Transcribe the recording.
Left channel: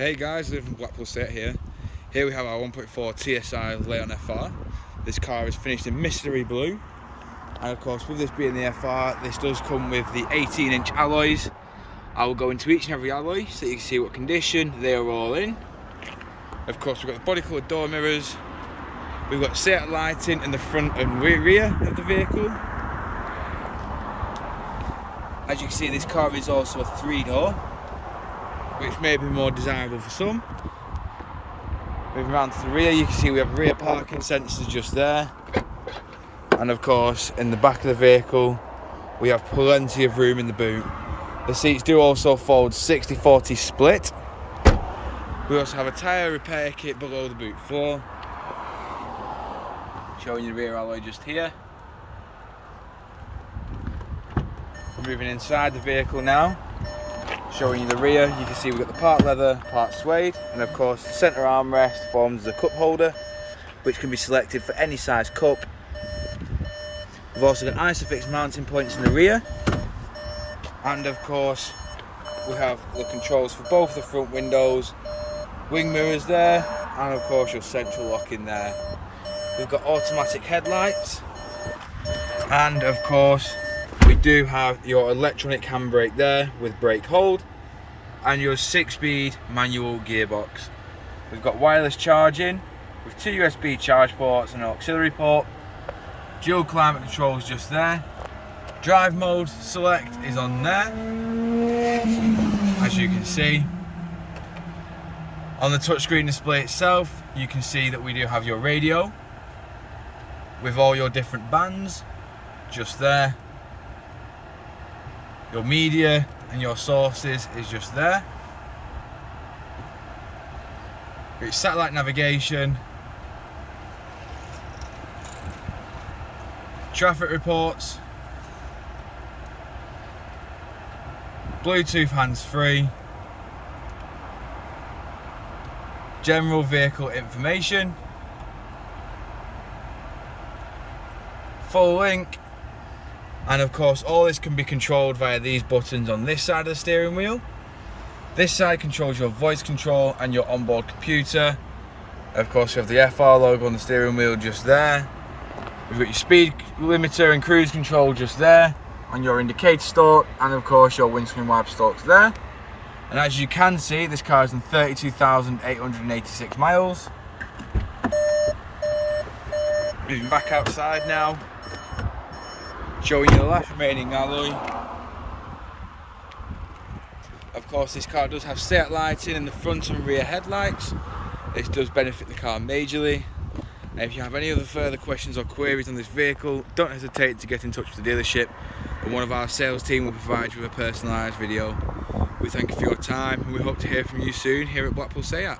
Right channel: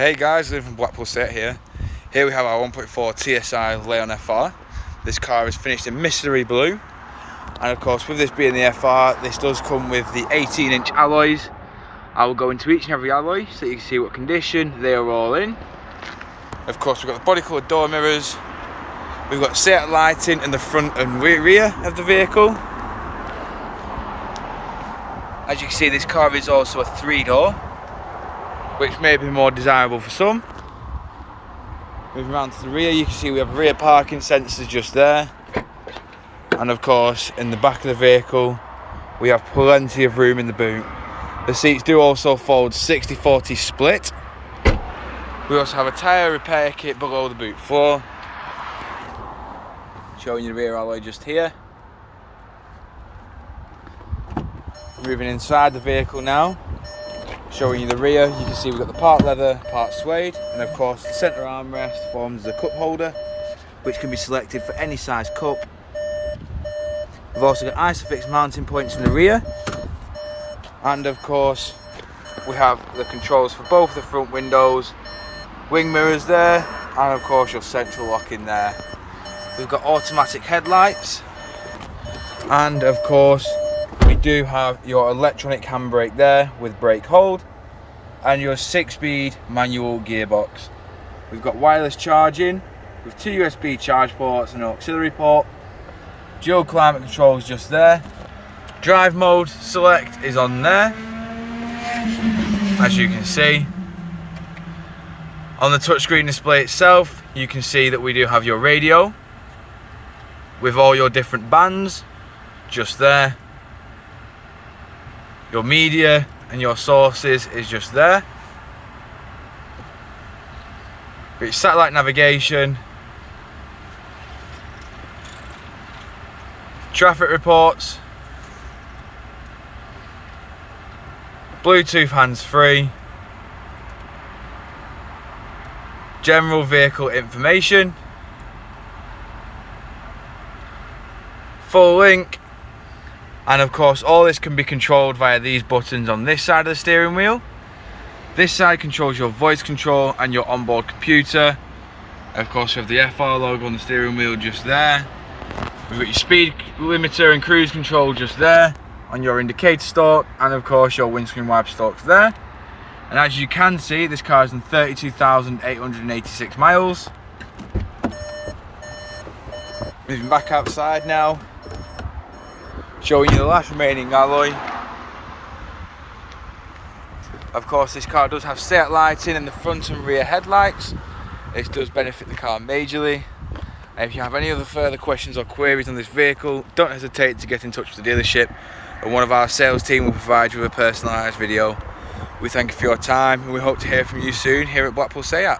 Hey guys, Liv from Blackpool set here. Here we have our 1.4 TSI Leon FR. This car is finished in mystery blue. And of course, with this being the FR, this does come with the 18-inch alloys. I will go into each and every alloy so you can see what condition they are all in. Of course, we've got the body coloured door mirrors. We've got Seat lighting in the front and rear of the vehicle. As you can see, this car is also a 3-door, which may be more desirable for some. Moving around to the rear, you can see we have rear parking sensors just there. And of course, in the back of the vehicle, we have plenty of room in the boot. The seats do also fold 60-40 split. We also have a tyre repair kit below the boot floor. Showing you the rear alloy just here. Moving inside the vehicle now. Showing you the rear, you can see we've got the part leather, part suede, and of course the centre armrest forms the cup holder, which can be selected for any size cup. We've also got Isofix mounting points in the rear, and of course we have the controls for both the front windows, wing mirrors there, and of course your central lock in there. We've got automatic headlights, and of course we do have your electronic handbrake there with brake hold, and your 6-speed manual gearbox. We've got wireless charging with 2 USB charge ports and an auxiliary port. Dual climate controls just there. Drive mode select is on there, as you can see. On the touchscreen display itself, you can see that we do have your radio with all your different bands just there. Your media and your sources is just there. It's satellite navigation, traffic reports, Bluetooth hands-free, general vehicle information, full link. And of course, all this can be controlled via these buttons on this side of the steering wheel. This side controls your voice control and your onboard computer. Of course, we have the FR logo on the steering wheel just there. We've got your speed limiter and cruise control just there, on your indicator stalk, and of course your windscreen wiper stalks there. And as you can see, this car is on 32,886 miles. Moving back outside now. Showing you the last remaining alloy. Of course, this car does have Seat lighting in the front and rear headlights. It does benefit the car majorly. And if you have any other further questions or queries on this vehicle, don't hesitate to get in touch with the dealership, and one of our sales team will provide you with a personalised video. We thank you for your time, and we hope to hear from you soon here at Blackpool Seat.